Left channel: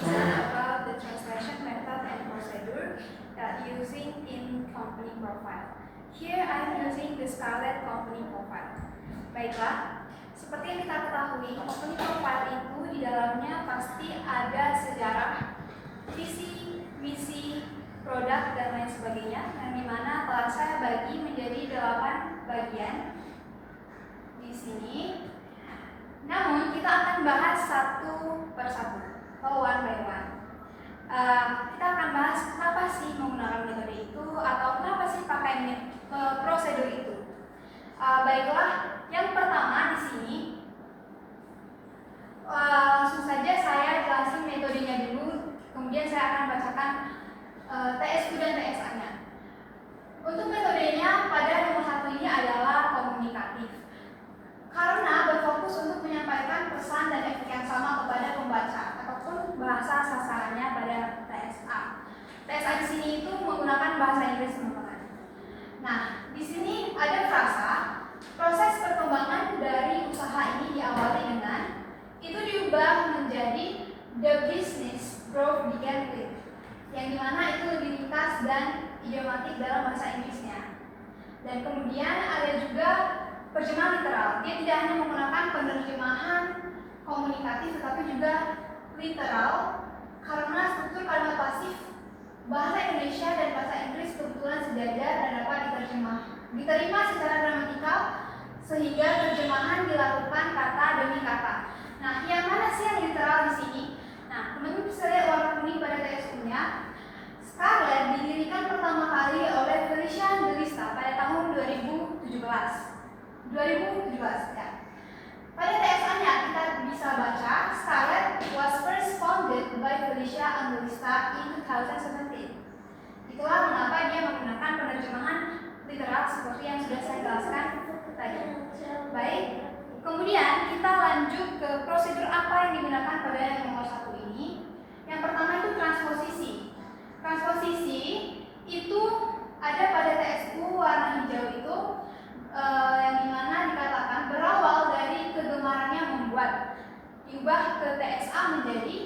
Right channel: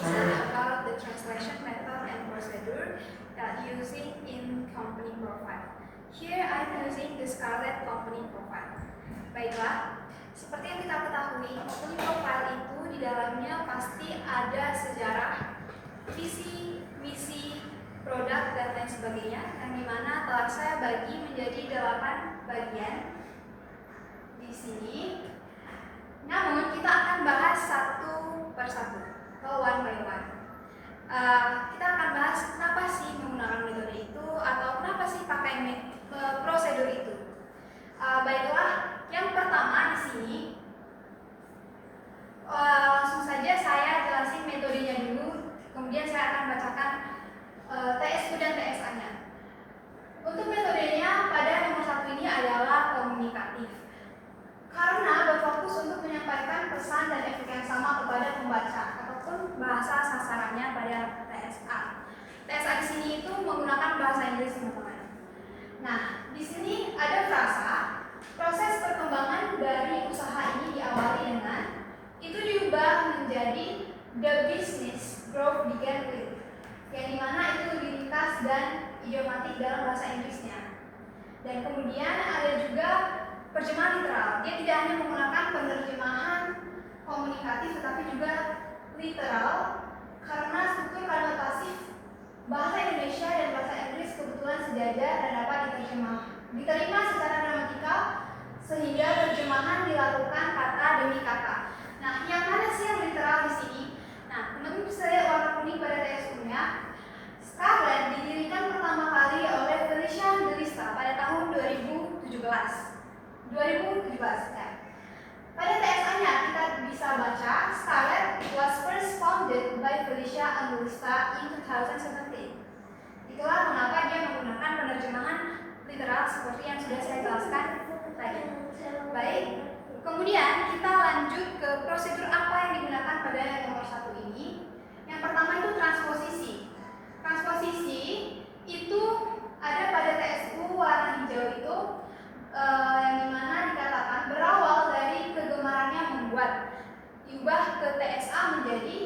present about the translation method and procedure that using in company profile. Here I'm using the Scarlet company profile. Baiklah, seperti yang kita ketahui, company profile itu di dalamnya pasti ada sejarah, visi, misi, produk, dan lain sebagainya, yang dimana telah saya bagi menjadi 8 bagian di sini. Namun kita akan bahas satu persatu, atau one by one. Kita akan bahas kenapa sih menggunakan metode itu, atau kenapa sih pakai prosedur itu. Baiklah, yang pertama di sini langsung saja saya jelasin metodenya dulu, kemudian saya akan bacakan TSU dan TSA-nya. Untuk metodenya pada nomor 1 ini adalah komunikatif, karena berfokus untuk menyampaikan pesan dan efek yang sama kepada pembaca ataupun bahasa sasarannya pada TSA. TSA di sini itu menggunakan bahasa Inggris, teman-teman. Nah, di sini ada frasa, proses perkembangan dari usaha ini diawali dengan itu diubah menjadi the business growth began with, yang dimana itu lebih ringkas dan idiomatik dalam bahasa Inggrisnya. Dan kemudian ada juga terjemahan literal. Dia tidak hanya menggunakan penerjemahan komunikatif tetapi juga literal, karena struktur kalimat pasif bahasa Indonesia dan bahasa Inggris kebetulan sejajar dan dapat diterima secara gramatikal, sehingga terjemahan dilakukan kata demi kata. Nah, yang mana sih yang literal di sini? Nah, teman-teman bisa lihat warna kuning pada TSU-nya. Scarlet didirikan pertama kali oleh Felicia Delista pada tahun 2017 ya. Pada TSA-nya kita bisa baca Scarlet was first founded by Felicia Angelista in 2017. Itulah mengapa dia menggunakan penerjemahan literal seperti yang sudah saya jelaskan tadi. Baik, kemudian kita lanjut ke prosedur apa yang digunakan pada nomor 1 ini. Yang pertama itu transposisi. Transposisi itu ada pada TSU warna hijau itu, yang dimana dikatakan berawal dari kegemarannya membuat, diubah ke TSA menjadi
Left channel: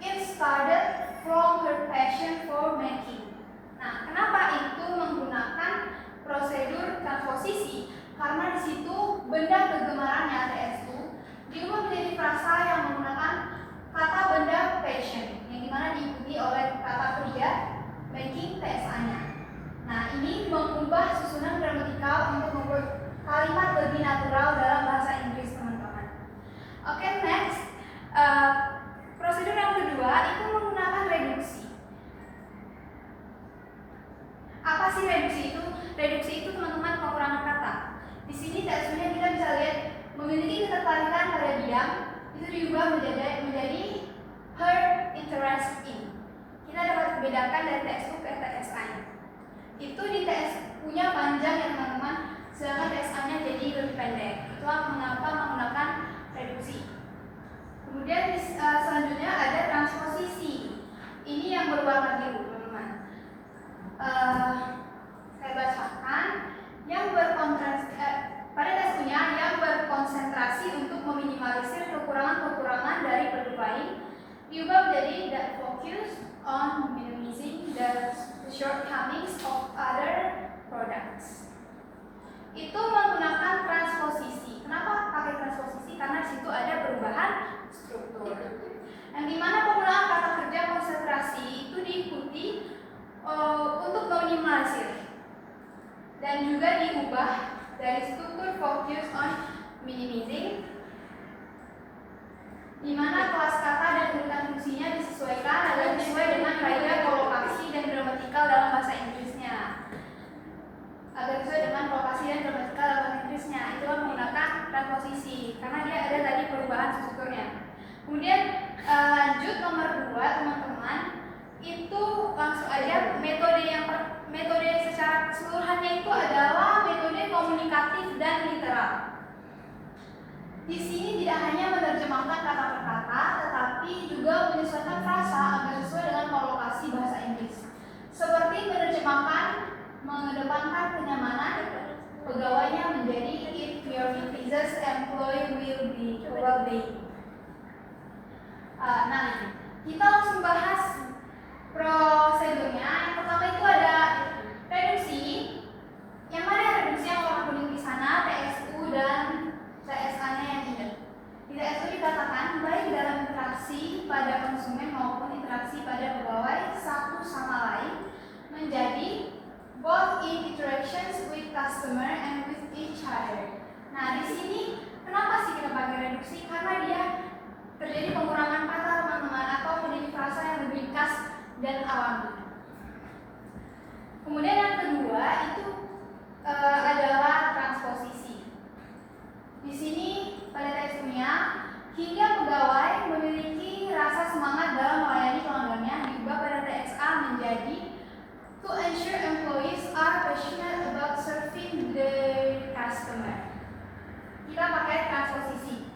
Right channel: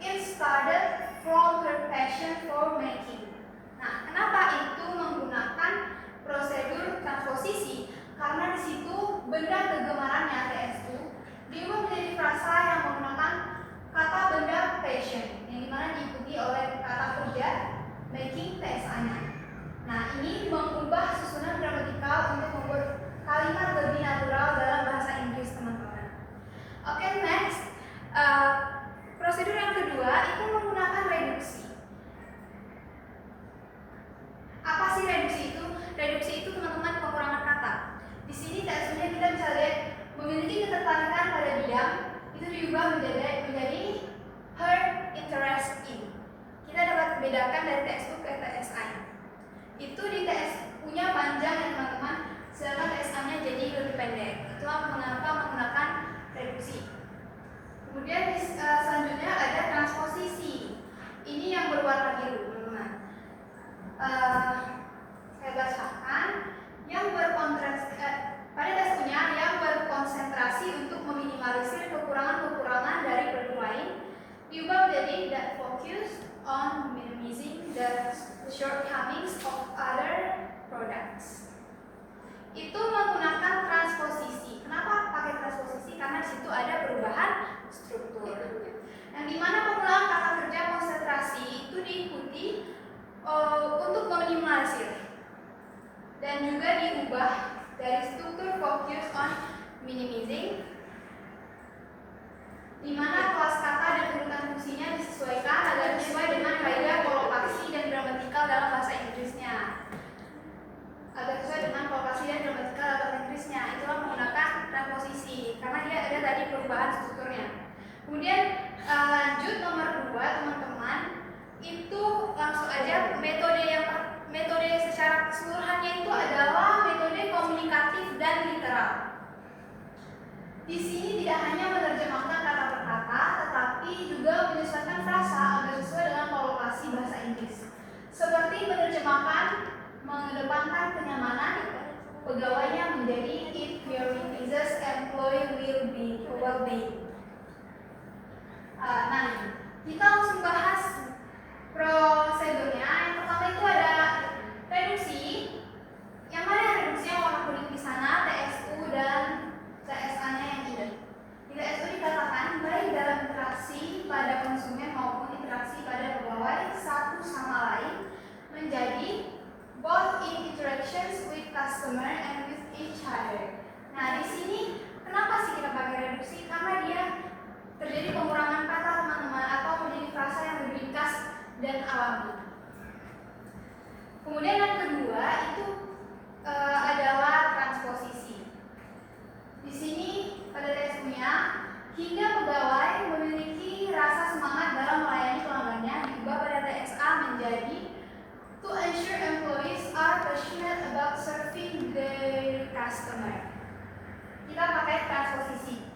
it started from her passion for making. Nah, kenapa itu menggunakan prosedur transposisi? Karena di situ benda kegemarannya TSU diubah menjadi frasa yang menggunakan kata benda passion, yang dimana diikuti oleh kata kerja making TSA-nya. Nah, ini mengubah susunan gramatikal untuk membuat kalimat lebih natural dalam bahasa Inggris, teman-teman. Oke, next. Prosedur yang kedua itu menggunakan reduksi. Apa sih reduksi itu? Reduksi itu, teman-teman, pengurangan kata. Di sini TSU-nya kita bisa lihat memiliki ketertarikan pada diam, itu diubah menjadi her interest in. Kita dapat bedakan dari TSU ke TSA-nya. Itu di TSU-nya panjang ya, teman-teman, sedangkan TSA-nya jadi lebih pendek. Itulah mengapa menggunakan reduksi. Kemudian selanjutnya ada transposisi. Ini yang berwarna biru, teman-teman. Saya bacakan. Pada TSU-nya yang berkonsentrasi untuk meminimalisir kekurangan-kekurangan dari produk lain, diubah menjadi that focus on minimizing the shortcomings of other products. Itu menggunakan transposisi. Kenapa pakai transposisi? Karena di situ ada perubahan struktur. Yang dimana penggunaan kata kerja konsentrasi itu diikuti untuk meminimalisir dan juga diubah dari struktur focus on minimizing, di mana kelas kata dan urutan fungsinya disesuaikan agar sesuai dengan kaidah kolokasi dan gramatikal dalam bahasa Inggrisnya. Itulah menggunakan transposisi karena dia ada tadi perubahan strukturnya. Kemudian lanjut nomor 2, teman-teman, itu langsung aja metode secara keseluruhannya itu adalah metode komunikatif dan literal. Di sini tidak hanya menerjemahkan kata per kata, tetapi juga menyesuaikan frasa agar sesuai dengan kolokasi bahasa Inggris. Seperti menerjemahkan mengedepankan kenyamanan pegawainya menjadi if your business employee will be well-being. Nah, kita langsung bahas prosedurnya. Yang pertama itu ada reduksi. Yang mana reduksi yang warna kuning di sana, TSU dan TSA-nya yang ini. Di TSU dikatakan baik dalam interaksi pada konsumen maupun interaksi pada pegawai satu sama lain menjadi both in interactions with customer and with each other. Nah, di sini kenapa sih kita pakai reduksi? Karena dia terjadi pengurangan kata teman-teman atau menjadi frasa yang lebih ringkas dan alami. Kemudian yang kedua itu adalah transposisi. Di sini pada TSU-nya hingga pegawai memiliki rasa semangat dalam melayani pelanggannya diubah pada TSA menjadi to ensure employees are passionate about serving their customer. Kita pakai transposisi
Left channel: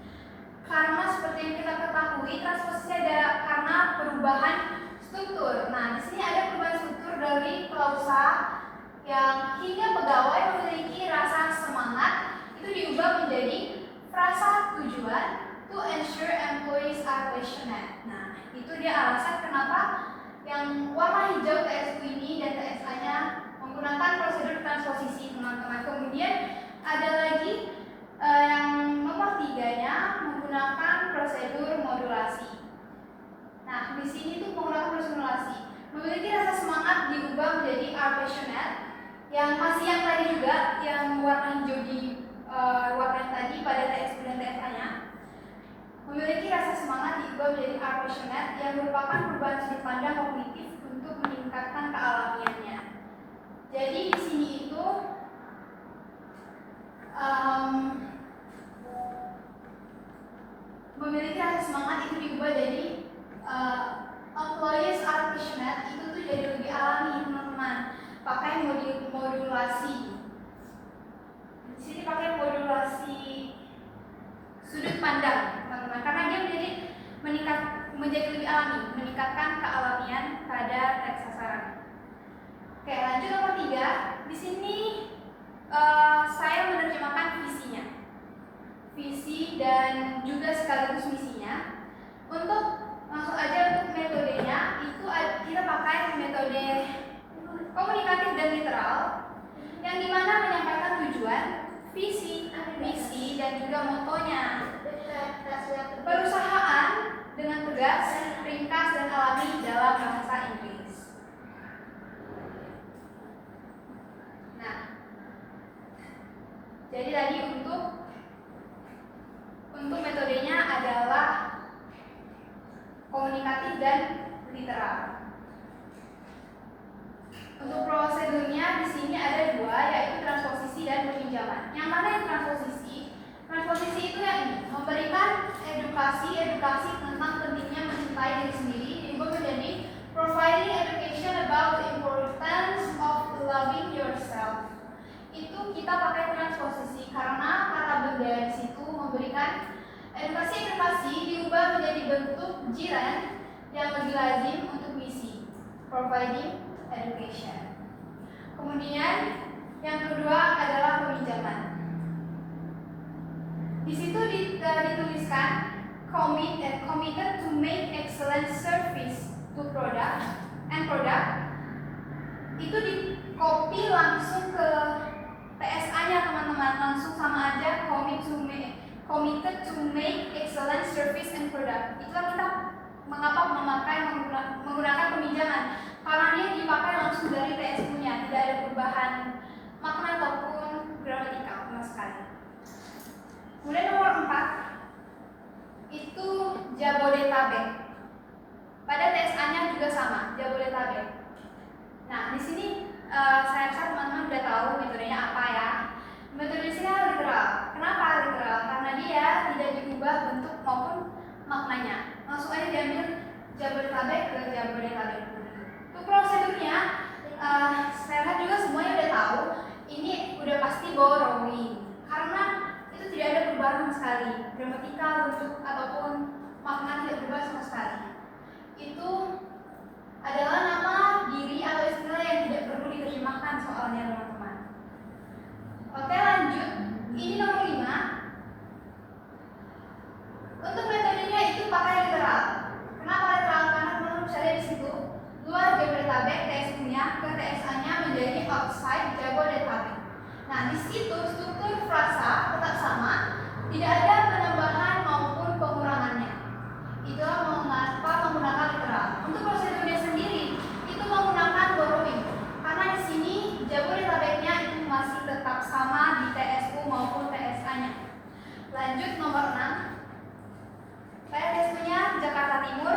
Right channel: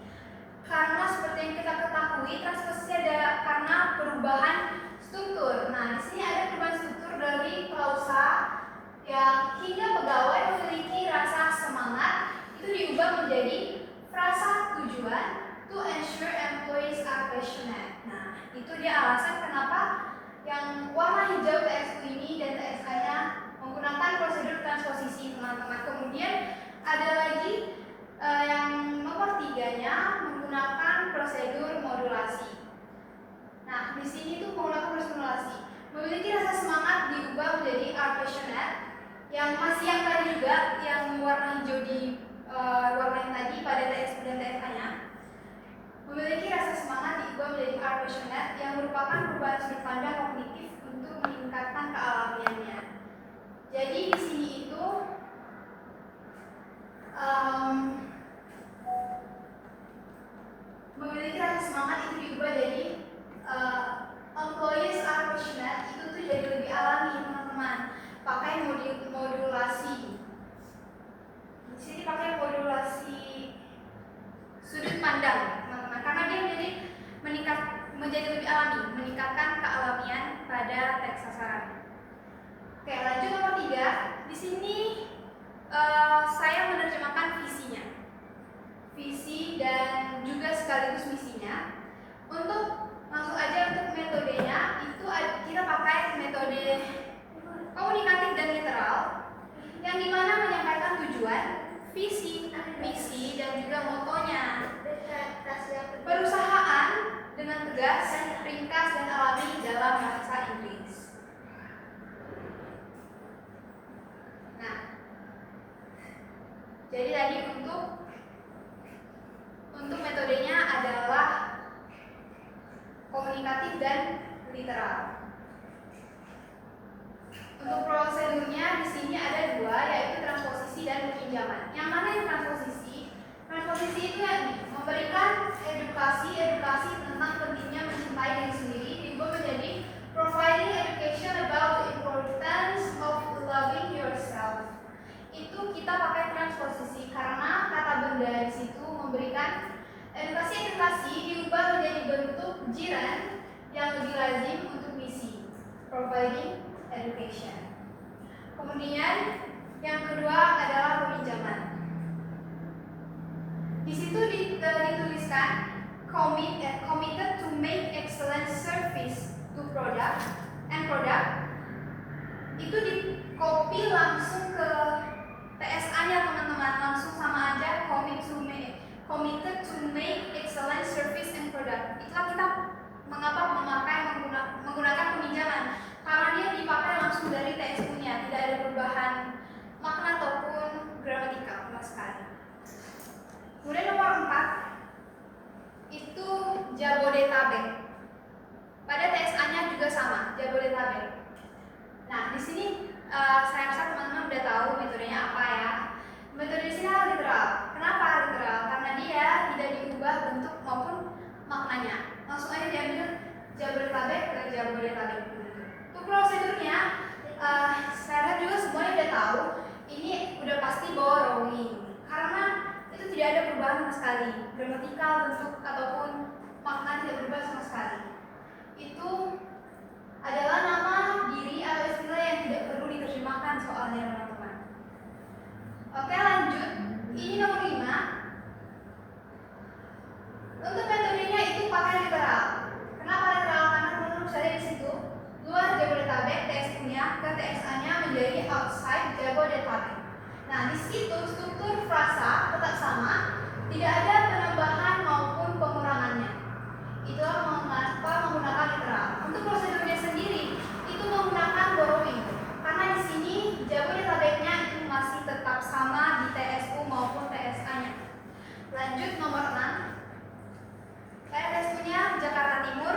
karena seperti yang kita ketahui transposisi ada karena perubahan struktur. Nah, di sini ada perubahan struktur dari klausa yang hingga pegawai memiliki rasa semangat itu diubah menjadi frasa tujuan to ensure employees are passionate. Nah, itu dia alasan kenapa yang warna hijau TSU ini dan TSA-nya menggunakan prosedur transposisi, teman-teman. Kemudian ada lagi yang nomor 3-nya menggunakan prosedur modulasi. Nah, di sini tuh menggunakan prosedur modulasi. Memiliki rasa semangat diubah menjadi are passionate. Yang masih yang tadi juga, yang warna hijau di warna yang tadi pada TSU dan TSA-nya. Memiliki rasa semangat diubah menjadi are passionate yang merupakan perubahan sudut pandang kognitif untuk meningkatkan kealamiannya. Jadi di sini itu memiliki rasa semangat itu diubah jadi employees are passionate itu tuh jadi lebih alami, teman-teman. Pakai modulasi. Di sini pakai modulasi sudut pandang, teman-teman, karena dia menjadi lebih alami, meningkatkan kealamian pada teks sasaran. Oke, lanjut nomor 3. Di sini saya menerjemahkan visinya, visi dan juga sekaligus misinya. Untuk langsung aja untuk metodenya itu kita pakai metode komunikatif dan literal, yang dimana menyampaikan tujuan, visi, misi dan juga motonya. Perusahaan dengan tegas, ringkas dan alami dalam bahasa Inggris. Nah, jadi tadi untuk metodenya adalah komunikatif dan literal. Untuk prosedurnya di sini ada 2, yaitu transposisi dan peminjaman. Yang mana yang transposisi? Transposisi itu yang ini, memberikan edukasi tentang pentingnya mencintai diri sendiri diubah menjadi providing education about the importance of loving yourself. Itu kita pakai transposisi karena kata benda di situ memberikan edukasi diubah menjadi bentuk jiran yang lebih lazim untuk misi, providing education. Kemudian yang kedua adalah peminjaman. Di situ dituliskan committed to make excellent service to product itu di copy langsung ke TSA-nya, teman-teman, langsung sama aja committed to make excellent service and product. Itulah kita menggunakan peminjaman karena dia dipakai langsung dari TSU-nya, tidak ada perubahan makna ataupun gramatikal sama sekali. Kemudian nomor 4 itu Jabodetabek. Pada TSA-nya juga sama, Jabodetabek. Nah, di sini saya rasa teman-teman udah tahu metodenya apa ya. Metode di sini literal. Kenapa literal? Karena dia tidak diubah bentuk maupun maknanya. Langsung aja diambil Jabodetabek ke Jabodetabek. Untuk prosedurnya, saya rasa juga semuanya udah tahu. Ini udah pasti borrowing. Karena itu tidak ada perubahan sama sekali. Gramatikal, bentuk ataupun makna tidak berubah sama sekali. Itu adalah nama diri atau istilah yang tidak perlu diterjemahkan soalnya, teman-teman. Oke, lanjut. Ini nomor 5. Untuk metodenya itu pakai literal. Jabodetabek, TSU-nya ke TSA-nya menjadi outside Jabodetabek. Nah, di situ struktur frasa tetap sama, tidak ada penambahan maupun pengurangannya. Itulah mengapa menggunakan literal. Untuk prosedurnya sendiri itu menggunakan borrowing, karena di sini Jabodetabeknya itu masih tetap sama di TSU maupun TSA-nya. Lanjut nomor 6. Pada TSU-nya Jakarta Timur,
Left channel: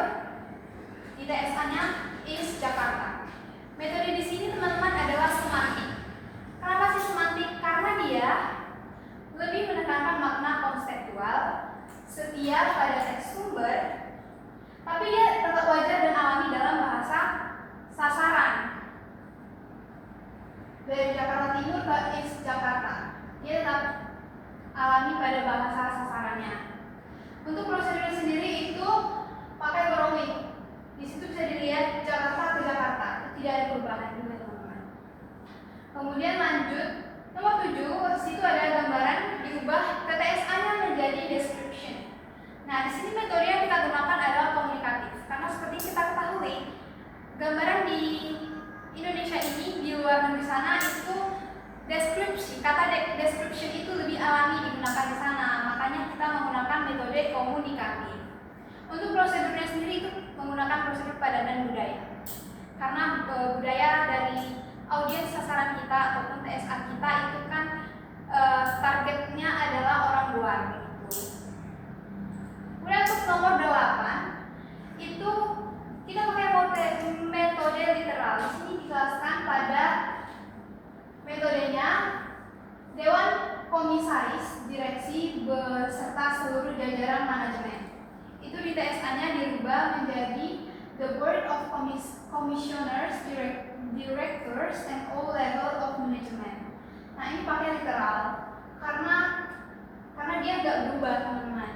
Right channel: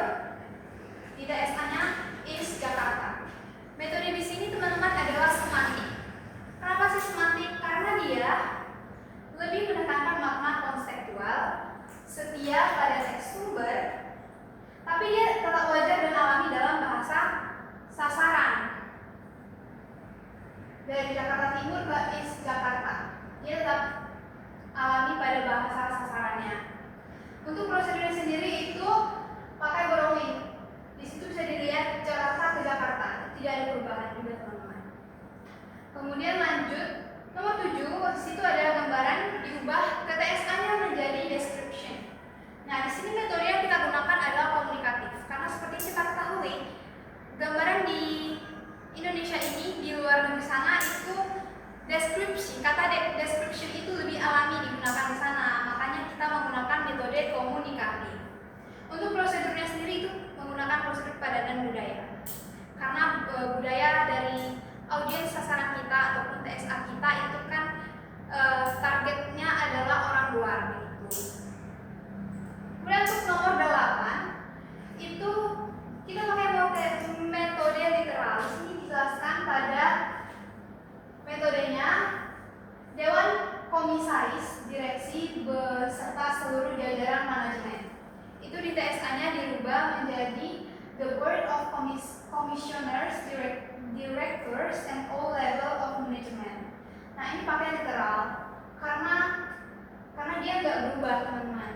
di TSA-nya is Jakarta. Metode di sini teman-teman adalah semantik. Kenapa sih semantik? Karena dia lebih menekankan makna konseptual, setia pada teks sumber, tapi dia tetap wajar dan alami dalam bahasa sasaran. Dari Jakarta Timur ke is Jakarta, dia tetap alami pada bahasa sasarannya. Untuk prosedurnya sendiri itu pakai borrowing. Di situ bisa dilihat Jakarta ke Jakarta, tidak ada perubahan juga teman-teman. Kemudian lanjut nomor 7, di situ ada gambaran diubah ke TSA-nya menjadi description. Nah, di sini metode yang kita gunakan adalah komunikatif, karena seperti kita ketahui, gambaran di Indonesia ini di luar negeri sana itu deskripsi, kata description itu lebih alami digunakan di sana, makanya kita menggunakan metode komunikatif. Untuk prosedurnya sendiri itu menggunakan prosedur padanan budaya, karena budaya dari audiens sasaran kita ataupun TSA kita itu kan targetnya adalah orang luar gitu. Kemudian untuk nomor 8 itu kita pakai metode literal. Di sini dijelaskan pada metodenya Dewan Komisaris Direksi beserta seluruh jajaran manajemen. Itu di TSA-nya dirubah menjadi the Board of Commissioners, Directors, and all level of management. Nah, ini pakai literal karena dia nggak berubah teman-teman.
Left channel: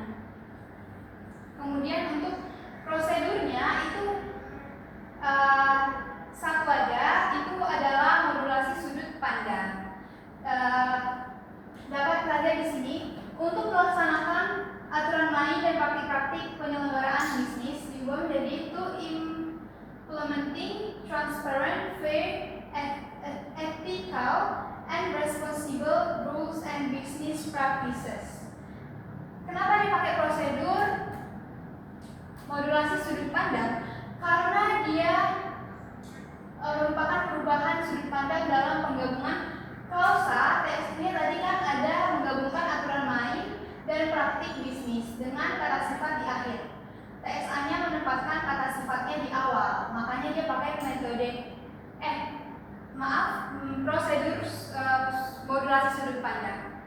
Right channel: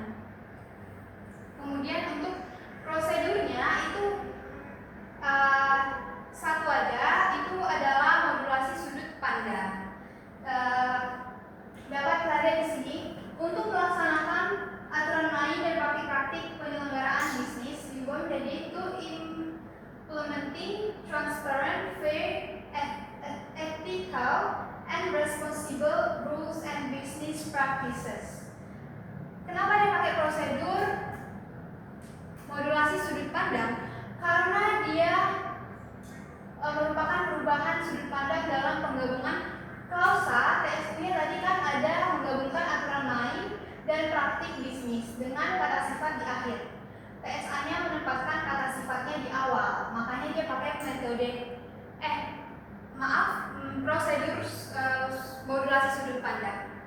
Kemudian untuk prosedurnya itu satu aja, itu adalah modulasi sudut pandang. Dapat kita lihat di sini untuk melaksanakan aturan main dan praktik-praktik penyelenggaraan bisnis juga menjadi itu implementing transparent, fair, ethical, and responsible rules and business practices. Kenapa dipakai prosedur modulasi sudut pandang? Karena dia merupakan perubahan sudut pandang dalam penggabungan klausa. TSU-nya tadi kan ada menggabungkan aturan main dan praktik bisnis dengan kata sifat di akhir. TSA-nya menempatkan kata sifatnya di awal, makanya dia pakai metode prosedur modulasi sudut pandang.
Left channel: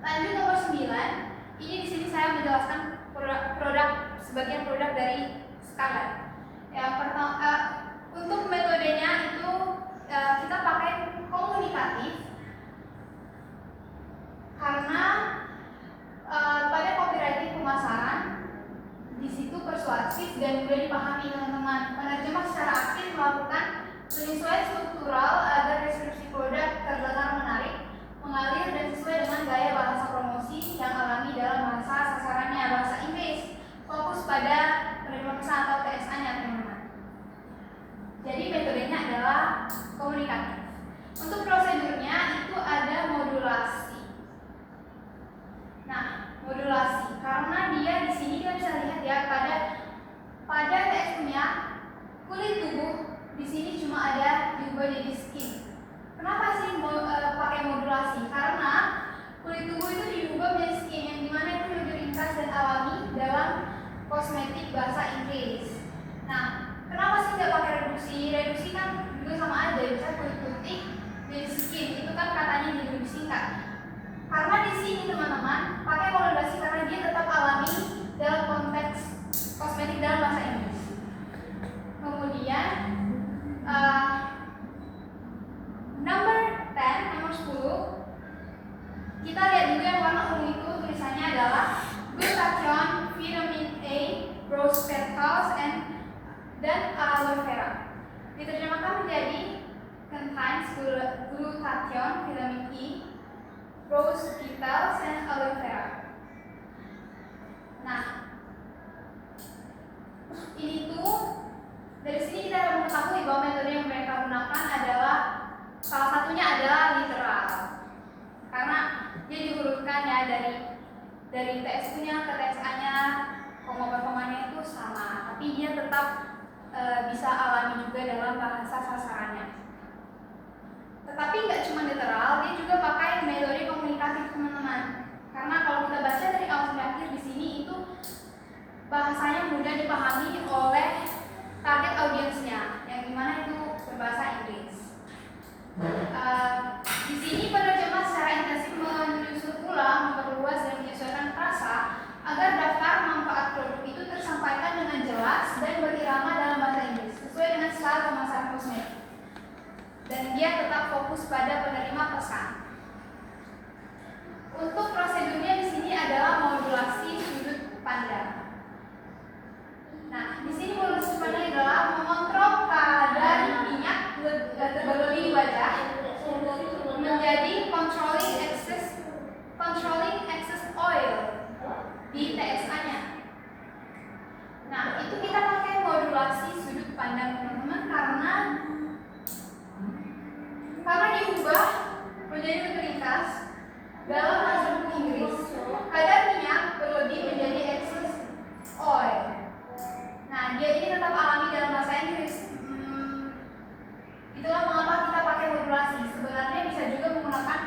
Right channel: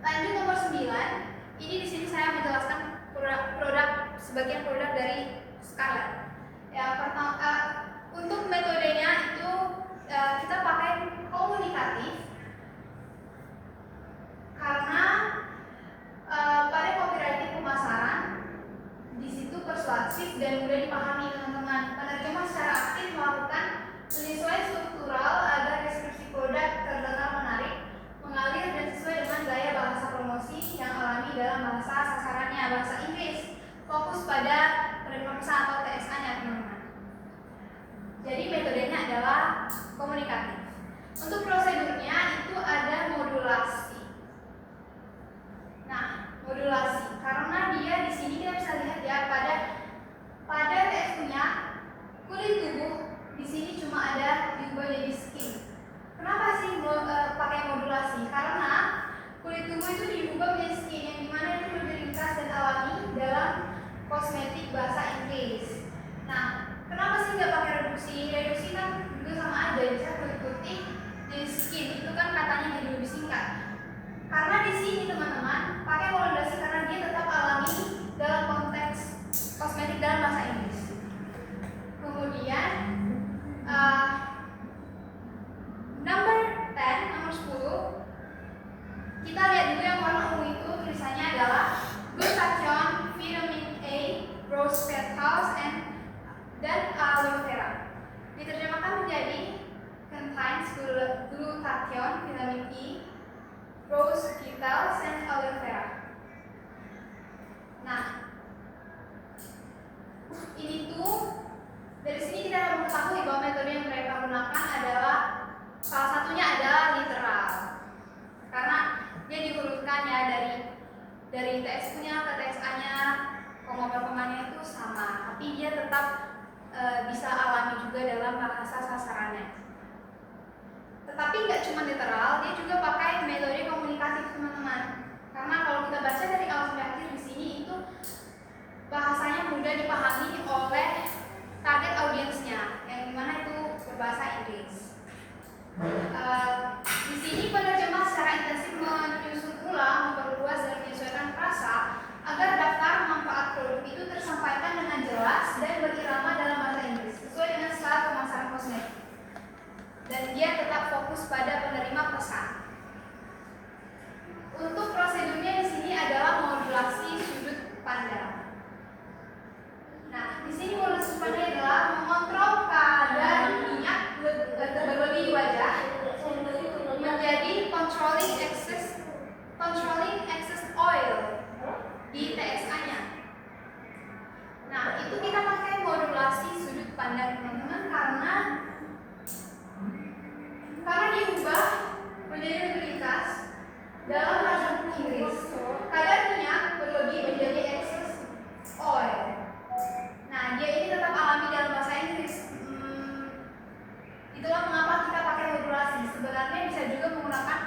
Lanjut nomor 9. Ini di sini saya menjelaskan sebagian produk dari Scarlett. Yang pertama, untuk metodenya itu kita pakai komunikatif karena pada copywriting pemasaran di situ persuasif dan mudah dipahami teman-teman. Penerjemah secara aktif melakukan penyesuaian struktural agar deskripsi produk terdengar menarik, mengalir dan sesuai dengan gaya bahasa promosi yang alami dalam bahasa sasarannya, bahasa Inggris. Fokus pada penerjemah pesan atau TSA-nya teman-teman. Jadi metodenya adalah komunikatif. Untuk prosedurnya itu ada modulasi. Nah, modulasi karena dia di sini kita bisa lihat ya pada TSU-nya kulit tubuh di sini cuma ada diubah jadi skin. Kenapa sih pakai modulasi? Karena kulit tubuh itu diubah menjadi skin yang dimana itu lebih ringkas dan alami dalam kosmetik bahasa Inggris. Nah, kenapa sih nggak pakai reduksi? Reduksi kan juga sama aja, bisa kulit putih jadi skin, itu kan katanya jadi lebih singkat. Karena di sini teman-teman pakai modulasi karena dia tetap alami dalam konteks kosmetik dalam bahasa Inggris. Kemudian nomor 10 kita lihat juga yang warna ungu itu tulisannya adalah glutathione, vitamin A, rose petals, dan aloe vera. Diterjemahkan menjadi contains glutathione, vitamin E, rose petals, and aloe vera. Nah, ini tuh dari sini kita akan mengetahui bahwa ya, dari TSU-nya ke TSA-nya, koma perkemanya itu sama, tapi dia tetap bisa alami juga dalam bahasa sasarannya. Tetapi nggak cuma literal, dia juga pakai metode komunikatif teman-teman. Karena kalau kita baca dari awal sampai akhir di sini itu bahasanya mudah dipahami oleh target audiensnya, yang dimana itu berbahasa Inggris. Di sini penerjemah secara intensif menyusun ulang, memperluas dan menyesuaikan frasa agar daftar manfaat produk itu tersampaikan dengan jelas dan berirama dalam bahasa Inggris sesuai dengan style pemasaran kosmetik. Dan dia tetap fokus pada penerima pesan. Untuk prosedurnya di sini adalah modulasi sudut pandang. Nah, di sini modulasi sudut pandang adalah mengontrol kadar minyak berlebih di wajah menjadi controlling excess oil di TSA-nya. Nah, itu kita pakai modulasi sudut pandang teman-teman karena diubah menjadi otoritas dalam bahasa Inggris, kadar minyak berlebih menjadi excess oil. Nah, dia ini tetap alami dalam bahasa Inggris. Itulah mengapa kita pakai modulasi. Sebenarnya bisa juga menggunakan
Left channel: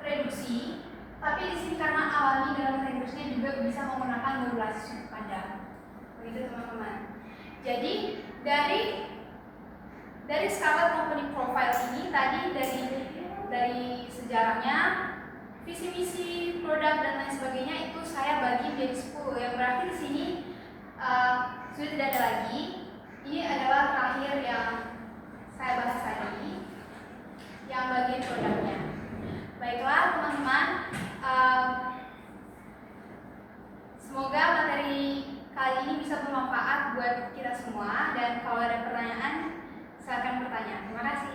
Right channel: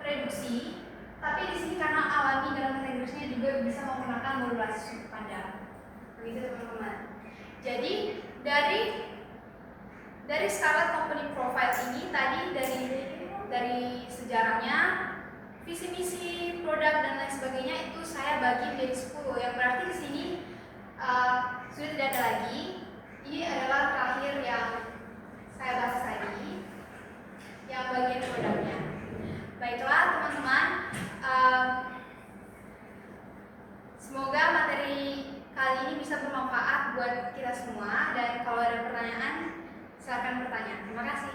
reduksi, tapi di sini karena alami dalam bahasa Inggrisnya juga bisa menggunakan modulasi sudut pandang. Begitu teman-teman. Jadi dari Scarlett Company Profile ini tadi dari sejarahnya, visi misi produk dan lain sebagainya itu saya bagi menjadi 10, yang berarti di sini sudah tidak ada lagi. Ini adalah terakhir yang saya bahas tadi, yang bagian produknya. Baiklah teman-teman, semoga materi kali ini bisa bermanfaat buat kita semua, dan kalau ada pertanyaan silakan bertanya. Terima kasih.